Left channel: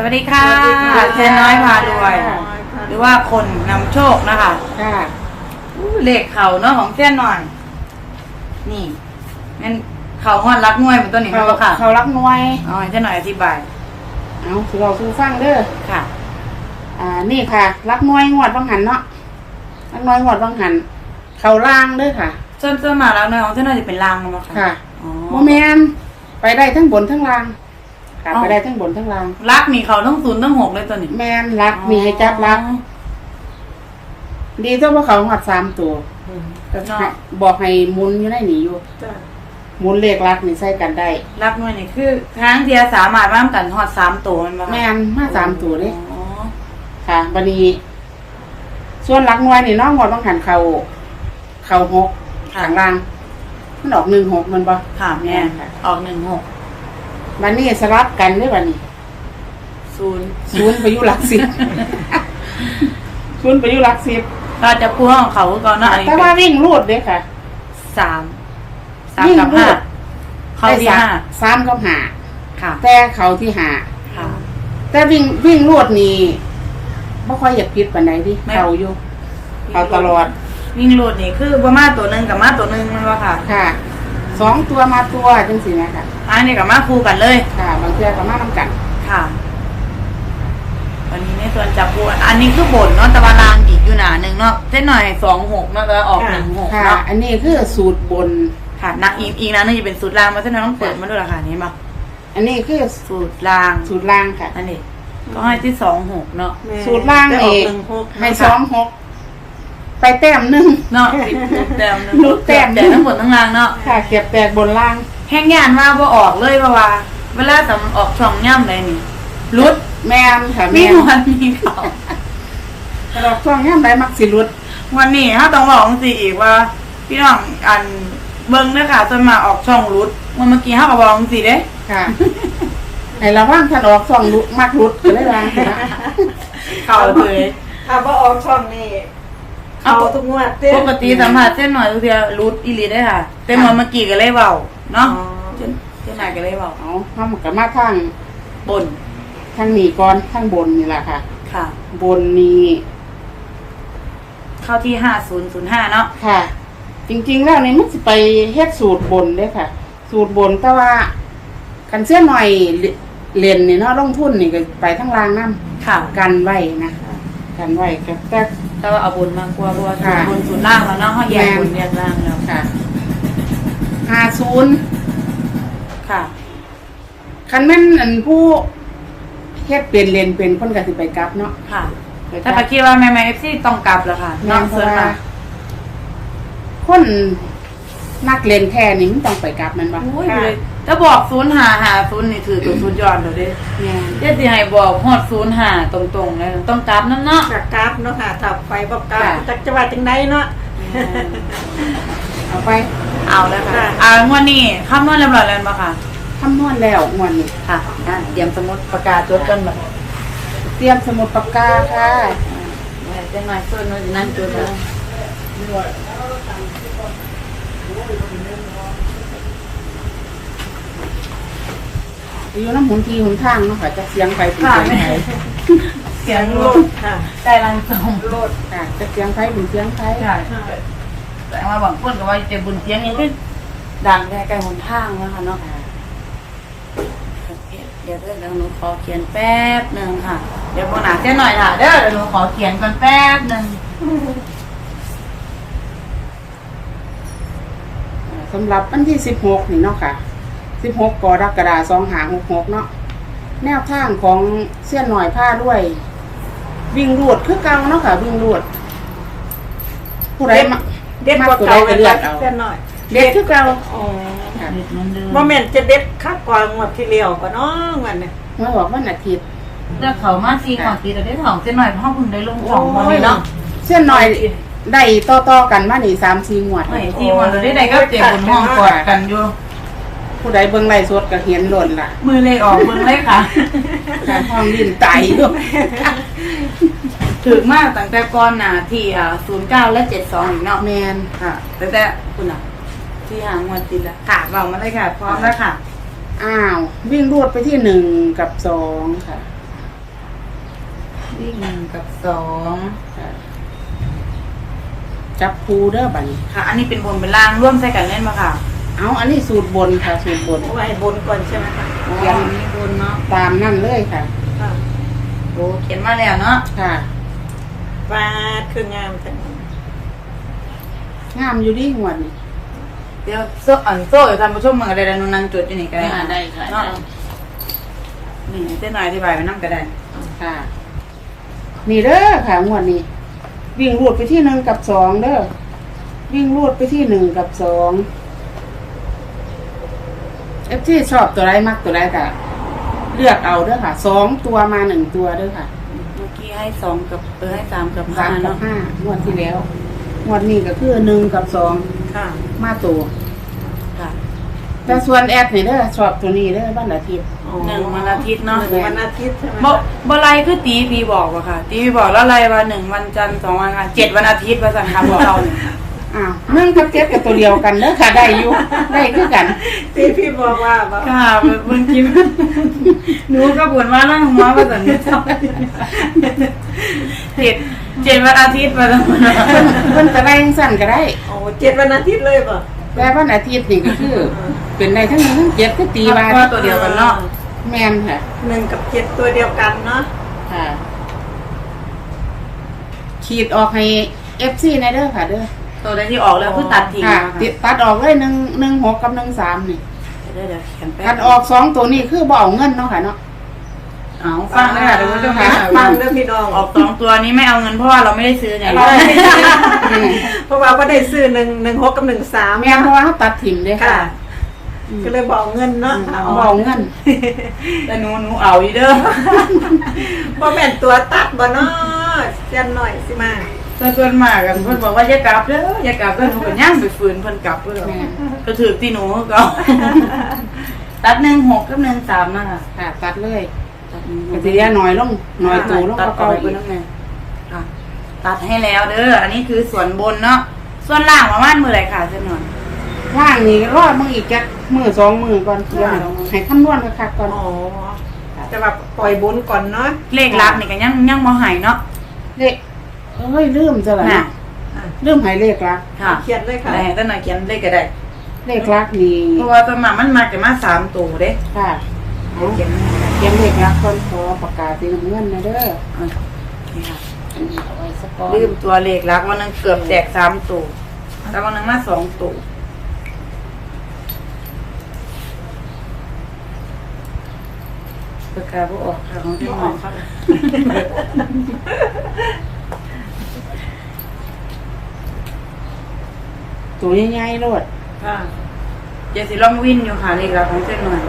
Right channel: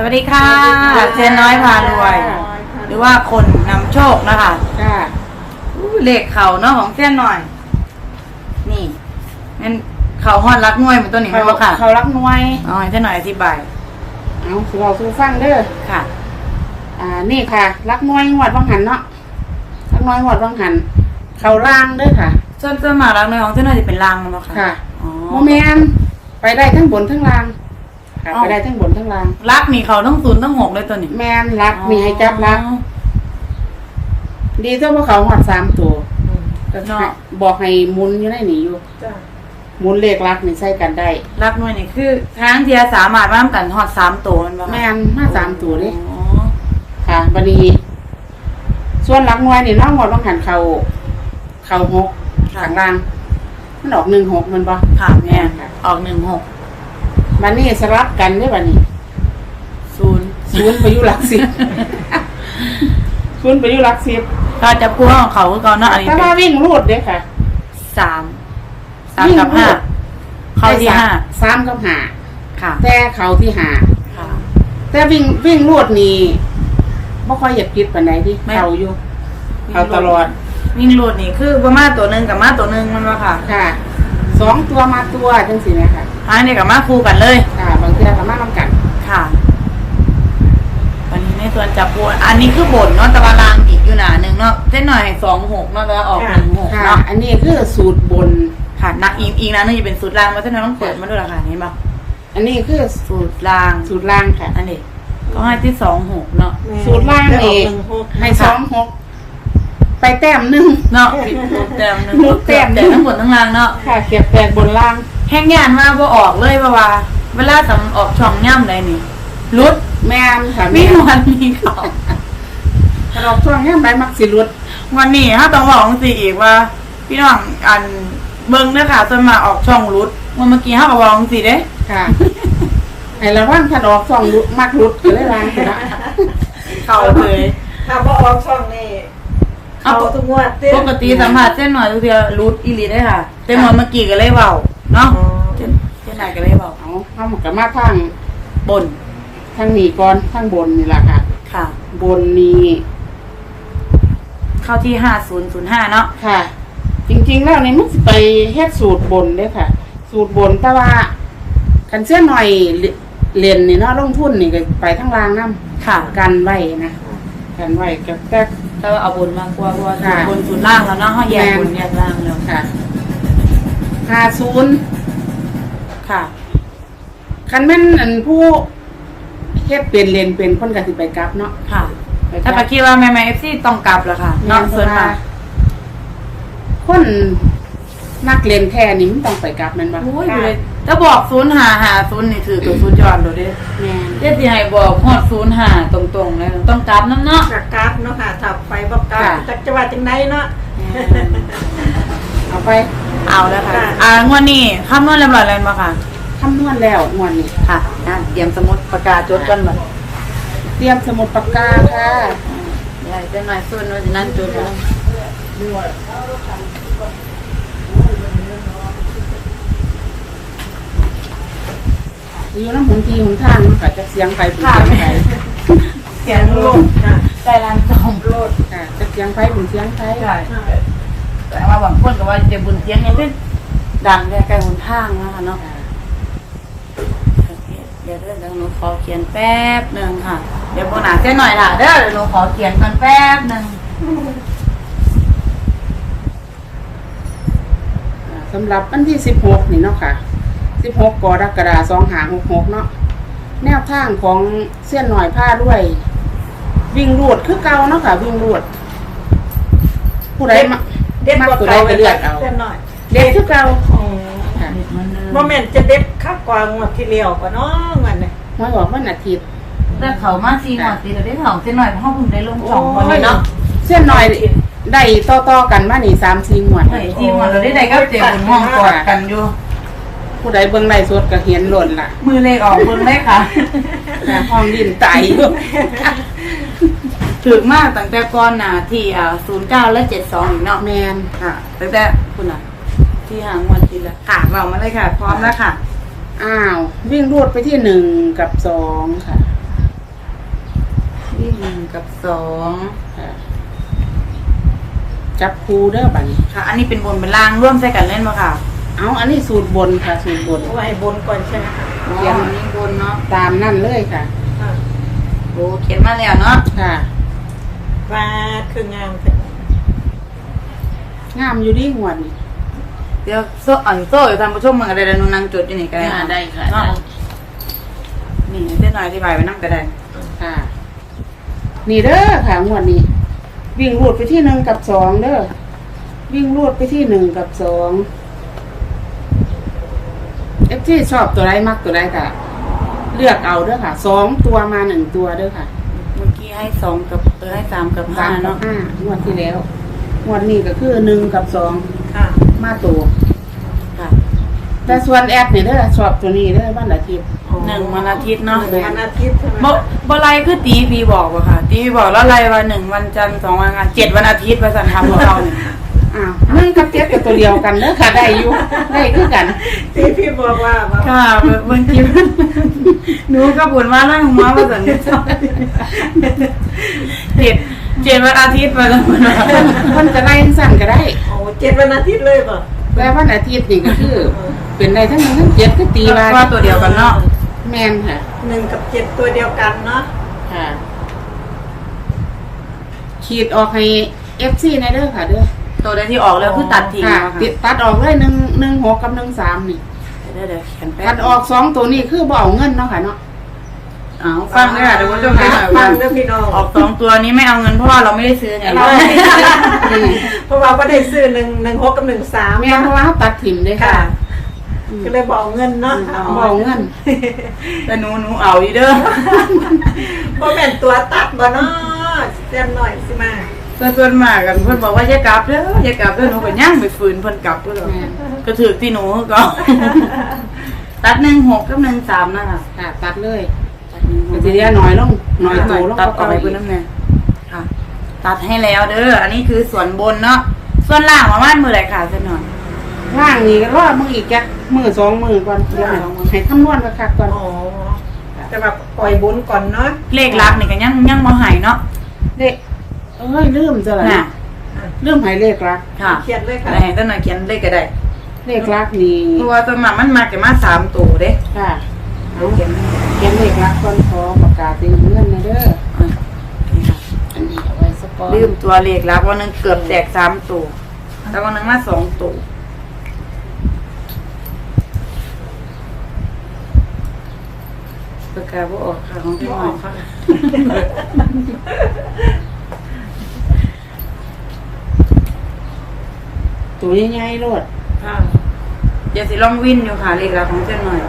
สวัสดีค่ะสวัสดีค่ะเชนน้อยพารวย หรือว่าคนนำโชคนะคะค่ะอู้เลขเขาเนาะของเส้นหน่อย นี่งั้นเขาฮอดรักน้วยเป็นตัวนี้เขามั้งค่ะ เขารักหน่วยอ๋อเส้นหน่อยอธิบาย เอาสิเราสู้ฟังเด้อค่ะ อ่า นี่ค่ะ รักหน่วยงวดวังหันเนาะรักหน่วยงวดวังหัน เขาล่างเด้อค่ะ ส่วนส่วนมากรักน้อยของเส้นหน่อยจะเป็นลางมั้งค่ะค่ะอ๋อโมแมนไปได้ทั้งบนทั้งล่าง ค่ะอ๋อไปได้ทั้งบนทั้งล่าง รักนี่เขาต้องศูนย์ต้องหกเลยตัวนี้แมนรักมีให้จับรัก ดีเจ้าว่าเขาหอดสามตัวก็ให้บอกให้หมุนอยู่ในนี่อยู่หมุนเลขรักนี่ใส่กันได้ รักน้อยนี่คือทางเทียสามารถว่ามกันฮอดสามตัวมันบ่คะแมนมาสามตัวเลยอ๋อค่ะบันนี้ ส่วนหลักหน่วยนี่น้องงวดบางหันเขาเขาหกข้างล่างมันออกหนึ่งหกมันบ่ค่ะแม่ค่ะ ออกหนึ่งหก บันนี้สลับกันเด้อบันนี้ศูนย์ศูนย์ไปอยู่หลักสิบ ศูนย์ไปอยู่หลักสิบก็จะพูดของเขาก็เนาะอันนี้แต่ว่าวิ่งรูดเด้อค่ะ สามสามวิ่งกับรูห้าดเข้าที่ได้สมห้าสามกับห้าค่ะแต่เขาที่ห้าค่ะ แต่วิ่งวิ่งรูดนี่ไม่ค่อยอยากคิดปานใดดิไม่ เขาอยู่เขาตลอดวิ่งโลดนี่คือประมาณตัวหนึ่งกับมาตัวหนึ่งมันว่าค่ะ ค่ะ สองตัวมาตัวจังสิแม่ค่ะ อันนี้กับมาคู่กันเลย ค่ะ บางเทื่อก็มานํกันค่ะ วันนี้ในส่วนจับปูอันนี้คือบนเนาะแต่ว่าลางอีกอยู่หนาหนึ่งเนาะเส้นหน่อยสองหกเนาะแต่ว่าออกหนึ่งหกค่ะ เนาะอันนี้คือสูตรบน ค่ะนักอีกอีกนะนึงจะเป็นสูตรลางมาเส้นหน่อยต้องเปิดมาด้วยล่ะค่ะนี่มาอันนี้คือสูตรลาง สูตรล่างค่ะ อันนี้ก็ให้ที่สองหกเนาะ สูตรล่างนี่ให้สองหก ไปแต้มหนึ่งเนาะสูตรแต้มหนึ่งรูดแต้มหนึ่แต่งทั้งหมดทั้งรางเนาะค่ะเก็บแตกบนล่าง แห้งยานมาบ่ออกเลยว่าว่า เวลาสำออกช่องย่ำเลยนี่รุดแมนค่ะแมมีนวันมีเขากระดอกช่วงย่ำได้มักสิรุดวันนี้ถ้าต้องบอกสิอีกว่าพี่น้องอันเบิ้งเด้อค่ะจนมาออกช่องรุดวันเมื่อกี้เขาก็บอกสิเด้ ค่ะให้ระว่างถ้าดอกช่องรุดมักรุดก็เลยวางสินะเขาเลย ถ้าบ่ออกช่องนี่ เขาทุกงวดเด้ปกติสัมผัสเส้นหน่อยทุกเทียรุดอีหลีได้อค่ะเส้นหน่อยเมื่อกี้ก็เลยเบาเนาะเส้นเส้นไหนก็เลยเบาเอาเข้ามากับมาทางบนทางนี้ก่อนทางบนนี่แหละค่ะ ค่ะ บนนี้เข้าที่ห้าศูนย์ศูนย์ห้าเนาะค่ะ จริงๆแล้วนี่มันสิไปเฮ็ดสูตรบนเด้อค่ะ สูตรบนแต่ว่าคันเสื้อหน่อยเรียนนี่เนาะลงทุนนี่ก็ไปทั้งล่างน้ค่ะำกันไว้นะกันไว้กับแต่ แต่ว่าเอาบนมากกว่าเพราะว่าค่ะบนศูนย์ล่างแล้วเนาะเขาแยกแม่นบนแยกล่างเนาะค่ะห้าศูนย์ค่ะคันแม่นอันผู้เฮ็ดเป็นเรียนเป็นคนก็สิไปกลับเนาะค่ะ ไปกถ้าลัไปบคิดว่าแม่แม่ที่ต้องกลับเหรอคะแม่นเพเพื่ราะอนว่าค่ะคนนักเรียนแท้นี่มันต้องไปกลับแมันบ่โอ้ยเลย ถ้าบอกศูนย์หาหาศูนย์นี่ถือตัวศูนย์ยอดเลยเด้แม่นเจ๊ที่ให้บอกฮอดศูนย์หาตรงๆเลยต้องกลับน้ำเนาะ ประกาศเนาะค่ะถ้าไปบ่กล้าค่ะ จักจะว่าจังไดเนาะ เอาไปเอาแล้วค่ะค่ะ อ่างวดนี้คำนวณเรียบร้อยแล้วบ่ค่ะ คำนวณแล้วงวดนี้ค่ะ อะเตรียมสมุดประกาศจดกันแบบเตรียมสมุดปากกาค่ะอะไรจังไงส่วนนั้นจดกัน อยู่น้ำหนทีหนทางเนาะค่ะจะเสียงไปเป็นเสียงไปเสียงโลดค่ะใจรันจมโลดค่ะจะเสียงไปเป็นเสียงไปค่ะแต่ว่าบางคนก็ว่าจ็บบุญเสียงยังเป็นดังแค่ไกลหนทางนะคะเนาะค่ะเดี๋ยวเดี๋ยวเดี๋ยวหนูขอเขียนแป๊บหนึ่งค่ะ เดี๋ยวโบนาแค่หน่อยค่ะเดี๋ยวหนูขอเขียนกันแป๊บหนึ่งสำหรับวันที่สิบหกนี่เนาะค่ะ สิบหกกรกฎาคมสองหาหกหกเนาะแนวทางของเส้นหน่อยผ้าด้วย วิ่งรูดคือเก่าเนาะค่ะ วิ่งรูดผู้ใดมาเด็ดมากบ่ตัวใดเก่าก็เลือกเอาแค่น้อยเด็ดคือเก่าอ๋อค่ะเด็ดเหมือนเดิมบ่แม่นจะเด็ดคักกว่างวดที่แล้วก็เนาะงั้นเนี่ยหวยออกวันอาทิตย์เลือกเขามาซีหน่อยตีเราได้สองเส้นหน่อยเพราะเขาเพิ่งได้ลงสองวันโอ้ยนี้เนาะเส้นหน่อยได้ต่อต่อๆกันมานี่สามสี่งวดไอ้ทีมเราได้ได้ก็เจ็บบนห้องกอดกันอยู่ ผู้ใดเบิ่งไล่สดก็เห็นหล่นล่ะ มือเลขออกมือเลขค่ะค่ะห้องดินไตอยู่ถึกมากตั้งแต่ก่อนหนาที่อ่าศูนย์เก้าและเจ็ดสองเนาะแมนค่ะตั้งแต่คุณอะ ที่หางวันติดละค่ะบอกมาเลยค่ะ พร้อมแล้วค่ะ อ้าว วิ่งรวดไปที่หนึ่งกับสองค่ะที่หนึ่งกับสองค่ะ จับคูเด้อบัดนี้ค่ะ อันนี้เป็นบนเป็นล่างร่วมใช้กันเล่นปะค่ะ เอาอันนี้สูตรบนค่ะ สูตรบน ไว้บนก่อนใช่ไหมคะอ๋ออันนี้บนเนาะตามนั่นเลยค่ะค่ะโอ้เขียนมาแล้วเนาะค่ะ วาดขึ้นงามจังงามอยู่ดีงวดนี้ เดี๋ยวโซ่อันโซ่อยู่ทำประชุมมันก็ได้แล้วนางจดอยู่นี่ก็ได้อ่าได้ค่ะเนาได้นี่เจ้าหน่อยอธิบายไว้นั่งก็ได้ค่ะ นี่เด้อค่ะงวดนี้ วิ่งรูดไปที่หนึ่งกับสองเด้อวิ่งรูดไปที่หนึ่งกับสอง เอฟที่ชอบตัวไรมักตัวไรก็เลือกเอาเด้อค่ะสองตัวมาหนึ่งตัวเด้อค่ะเมื่อกี้ให้สองกับเออให้สามกับสาห้ามกับเนาะห้างวดที่แล้วงวดนี้ก็คือหนึ่งกับสองค่ะมาตัวค่ะแต่ส่วนแอดนี่เด้อชอบตัวนี้เด้อบ้านอาทิตย์ หนึ่งวันอาทิตย์เนาะหนึ่งวันอาทิตย์ใช่ไหมบ่บ่ไรคือตีพีบอกอะค่ะ ตีพีบอกแล้วไรวันหนึ่งวันจันทร์สองวันอังคารเจ็ดวันอาทิตย์มาสั่งทำของเราเนี่ย อ้าวหนึ่งกับเจ็ดกับตัวเดียวกันเด้อค่ะ ได้อยู่ได้คือกัน ที่พี่บอกว่าว่าค่ะบางทีหนูก็บ่นว่านั่งหัวมาสั่งเนี่ยเจ็ดเจ็ดวันอาทิตย์มาสั่งเพิ่นเพิ่นจะได้สั่นก็ได้โอ้เจ็ดวันอาทิตย์เลยป่ะแต่วันอาทิตย์นี่ก็คือ เป็นได้ทั้งหนึ่งทั้งเจ็ดก็ตีว่าก็ตัวเดียวกันเนาะแมนค่ะหนึ่งกับเจ็ดตัวเดียวกันเนาะค่ะ ขีดออกให้เอฟซีในเด้อค่ะเด้อ ตัวใดที่ออกแล้วคือตัดทิ้งค่ะเนาะติดตัดออกเลยหนึ่งหนึ่งหกกับหนึ่งสามนี่เดี๋ยวเดี๋ยวเขียนไปตัดออกสองตัวนี้คือบ่เอาเงินเนาะค่ะเนาะ เอาฟังเนี่ยเดี๋ยวผู้ชมค่ะฟังเรื่องพี่น้องออกสองตัวนี้ไม่เอาเงินเพราะว่าเราไม่ได้ซื้อไงเราไม่ได้ เพราะว่าก็ได้ซื้อหนึ่งหนึ่งหกกับหนึ่งสามแม่นเพราะว่าเขาตัดถิ่มเด้ค่ะค่ะอืมก็เลยบอกเงินเนาะบ่เอาเงิน แต่หนูหนูเอาอีเด้อ เพราะแม่นตัวตัดบ่เนาะเจันหน่อยสิมา แต่ส่วนมากกันเพิ่นบอกว่าอย่ากลับเด้ออย่ากลับเด้อหนูก็ย่างไปฝืนเพิ่นกลับเพิ่นก็แม่ก็ถือที่หนูก็ตัดหนึ่งหกกับหนึ่งสามนะคะค่ะตัดเลยตัดหนึ่งหก็กสิเหลือน้อยลงน้อยตัวลงตัดก็ต่อเก่าไปอีกนั่นไงค่ะตัดให้แล้วเด้ออันนี้คือส่วนบนเนาะส่วนล่างมาว่านมือไรค่ะส่วนหน่อยว่างนี่ก็รอมึงอีกจักมือสองมือก่อนเดี๋ยวให้สองมื้อให้คำนวณคักๆก่อนอ๋อจะแบบปล่อยบุญก่อนเนาะเลขลักนี่ก็ยังยังบ่ใหายเนาะเลข เอ้ยลืมจะละน่ะ ลืมใหายเลขรัก ค่ะเขียนเลยค่ะได้ก็หน่อยเขียนเลขก็ได้เลขรักนี่เพราะว่าตัวมามันมาจะมาสามตัวเด้ค่ะเอาเขียนเขียนเลขรักก่อนขอปากกาสีน้ำเงินนะเด้ออะนี่ค่ะอันนี้เอาไว้สักก่อนลืมตัวเลขลักวันนึงเกือบแตกสามตัวแล้ววันนึงมาสองตัวปากกาบ่ออกค่ะของพี่หมอค่ะ ตัวใหญ่ๆโลดค่ะเดี๋ยวสิลองวินอยู่ค่ะเลขลักของเส้นหน่อย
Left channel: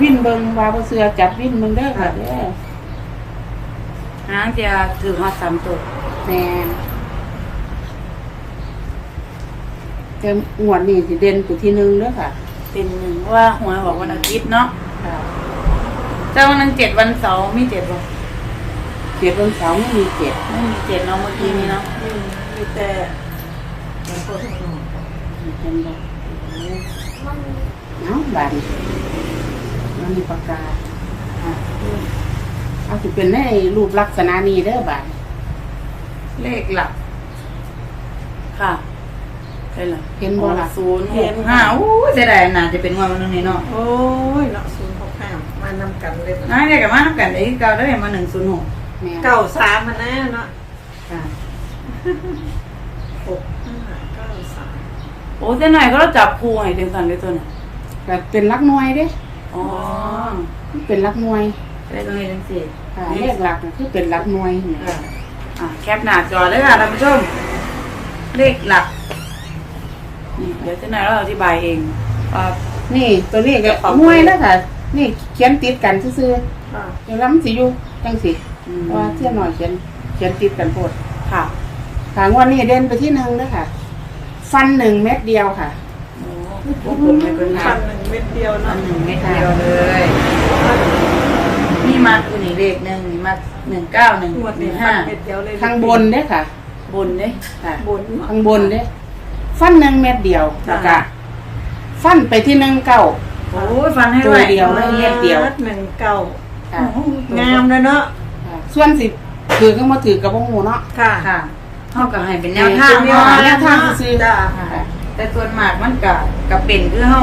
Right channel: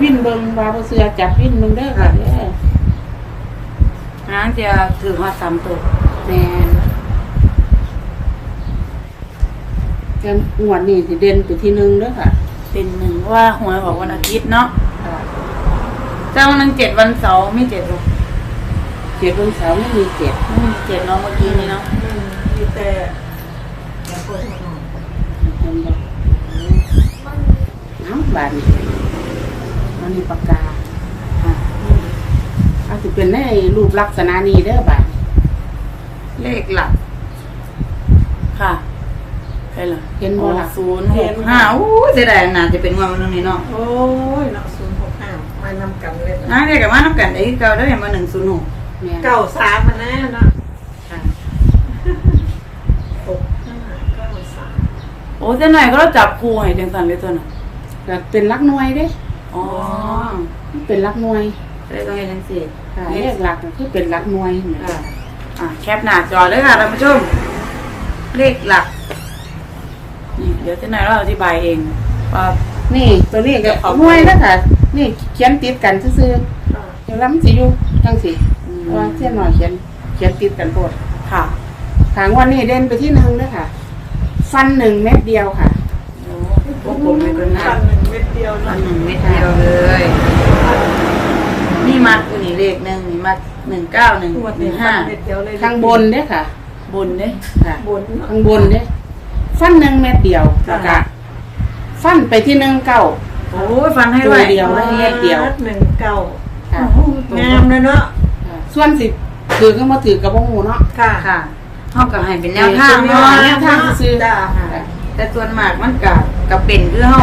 วิ่นเบิงว่าบ่เสือจับวิ่นเบิงเด้อค่ะเด้อน้ำจะถือมาสามตัวแมนแต่งวดนี้สิเด่นตัวที่หนึ่งเด้อค่ะเป็นหนึ่งว่าหวยบอกวันอาทิตย์เนาะค่ะแต่วันนั้นเจ็ดวันเสาร์ไม่เจ็ดวันเจ็ดวันเสาร์ไม่มีเจ็ดไม่มีเจ็ดเนาะเมื่อกี้นี้เนาะอืมมีแต่เห็นบ่เอ้าบาดนี้มันมีปากกาอะเอาสิเป็นในรูปลักษณะนี้เด้อบาดนี้เลขหลัก ค่ะไปเหรอเห็นบ่ล่ะศูนย์หกห้าอู้เสียดายน่าจะเป็นวันนั้นนี่เนาะโอ้ยเนาะศูนย์หกห้ามานำกันเลยน้าเรียกกันมานับกันได้เก่าได้มาหนึ่งศูนย์หกแม่นเก้าสามมาแน่เนาะค่ะ หกห้าเก้าสาม โอ้เจ้าหน่อยก็เราจับคู่ให้จังสันเลยตัวน่ะก็เป็นลักหน่วยเด้อ๋อมันเป็นลักหน่วยเลขตรงนี้จังสี่ค่ะเลขหลักก็คือเป็นลักหน่วยแหม่อะแคปหน้าจอเลยค่ะท่านผู้ชมเลขหลักนี่เดี๋ยวเจ้าหน่อยเราอธิบายเองว่า นี่ตัวนี้ก็ขอบคุณหน่วยแล้วค่ะ นี่เขียนติดกันซื่อค่ะๆเดี๋ยวแล้วมันสิอยู่จังสิอืม ว่าเสี้ยนหน่อยเขียนเขียนติดกันโพดค่ะค่ะงวันนี้เด่นไปที่หนึ่งด้วยค่ะ ฟันหนึ่งเม็ดเดียวค่ะโอ้พวกผมไม่เป็นพันหนึ่งเม็ดเดียวอัเนาะนหนึ่งไม่เดียวเลย นี่มัดตัวนี้เลขหนึ่งนี่มัดหนึ่งเก้าหนึ่งหมดหเนี่นึ่ยงพัห้านเม็ดเดียวเลยข้างบนเด้อค่ะบนเนี่ยค่ะ บนเนาะข้างบนเด้อฟันหนึ่งเม็ดเดียวแล้วก็ฟันไปที่หนึ่งเก้าโอ้ยฟังให้ตัวไว้เดียวเลยม็ดเดียวหนึ่งเก้าค่ะงามเลยเนาะค่ะส่วนสิถือก็มาถือกับพวกหูเนาะค่ะค่ะ เท่ากับให้เป็นแนวทางเป็นแนวเนาะแนวทางซื่อๆจ้ะค่ะแต่ส่วนมากมันก็ก็เป็นคือเฮา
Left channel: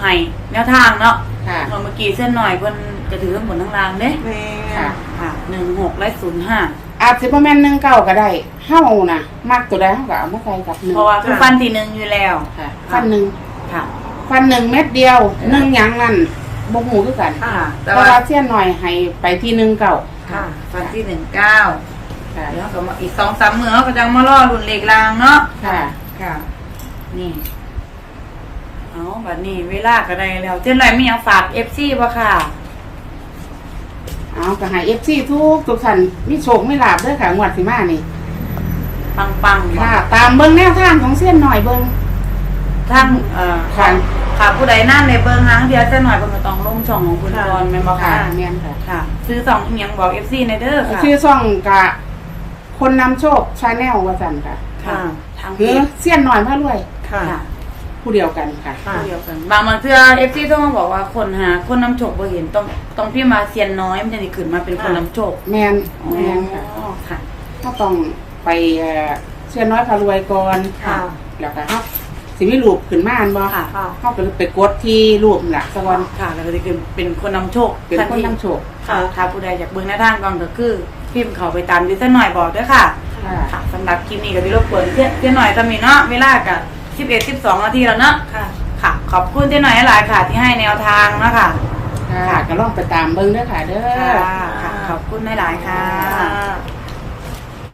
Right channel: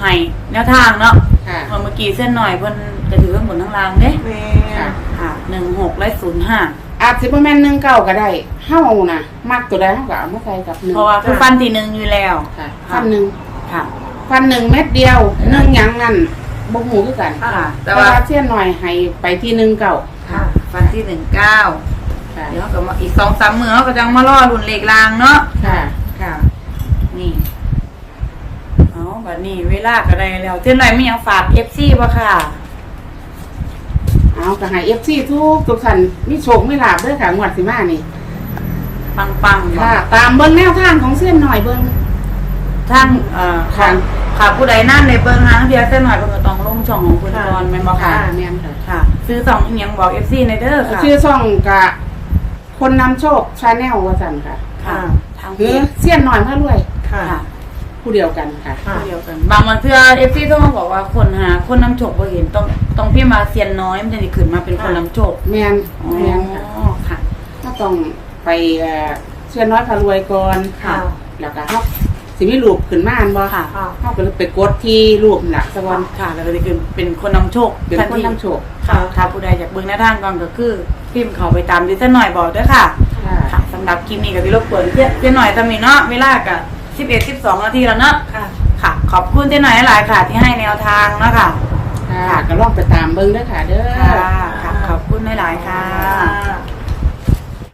ให้แนวทางเนาะค่ะเมื่อกี้เส้นหน่อยเพิ่นจะถือข้างบนข้างล่างเด้แม่ค่ะค่ะหนึ่งหกและศูนย์ห้าอาจสิบ่แม่นหนึ่งเก้าก็ได้เฮานะมักตัวใดเฮาก็เอามาใส่กับหนึ่งเพราะว่าคือฟันที่หนึ่งอยู่แล้วค่ะฟันหนึ่งค่ะฟันหนึ่งเม็ดเดียวหนึ่งหยังนั่นบ่ฮู้คือกันค่ะแต่แต่ว่าว่าเสี้ยนหน่อยให้ไปที่หนึ่งเก้าค่ะฟันที่หนึ่งเก้า ค่ะเดี๋ยวก็มาอีกสองสามมือเขาก็จะมาล่อรุ่นเหล็กรางเนาะค่ะ ค่ะ นี่เอาแบบนี้เวลาก็ได้แล้วเจ้าหน่อยมีอยากฝากเอฟซีป่ะค่ะ เอาก็ให้ FC ทุกทุกท่านมีโชคมีลาภเด้อค่ะงวดสิมานี่ปังปังๆค่ะ ตามเบิ่งแนวทางของเสี้ยนหน่อยเบิ่งท่านเอ่อค่ะ ค่ะผู้ใดนั่นในเบิ้งนะเดียวเจ้าหน่อยเพิ่งก็ต้องลงช่องของคุณกรณ์แม่นบ่ค่ะ ค่ะแม่นค่ะ ค่ะ ซื้อสองอีหยังบอกเอฟซีในเด้อค่ะ ชื่อช่องกะ คนนำโชคชาแนลว่าซั่นค่ะค่ะ ทางหรือเสี้ยนหน่อยพารวย ค่ะค่ะผู้เดียวกันค่ะ ค่ะ เดียวกันบางวันเพื่อเอฟซีต้องมาบอกว่าคนหาคนนำโชคบ่เห็นต้องต้องพี่มาเซียนน้อยมันจะได้ขึ้นมาเป็นคนนำโชคแม่นอ๋อแม่นค่ะ ค่ะ ก็ต้องไปเอ่อเสี้ยนน้อยพารวยก่อนค่ะ แล้วก็เฮา สิมีรูปขึ้นมาอันบ่ค่ะค่ะเฮาก็เลยไปกดที่รูปน่ะซะก่อนค่ะแล้วก็จะเป็นเป็นคนนำโชคเป็นคนนำโชคค่ะค่ะผู้ใดอยากเบิ่งหน้าทางก่อนก็คือพิมพ์เข้าไปตามยูเซอร์หน่อยบอกด้วยค่ะ ค่ะ ค่ะสำหรับคลิปนี้ก็ที่รบกวนเจ๊เจ๊หน่อยตำหนิเนาะเวลากับ11 12นาทีแล้วเนาะค่ะ ค่ะ ขอบคุณเจ๊หน่อยหลายๆค่ะ ที่ให้แนวทางเนาะค่ะค่ะก็ลองไปตามเบิ่งเด้อค่ะ เด้อ ค่ะ ขอบคุณหลายๆค่ะ ค่ะ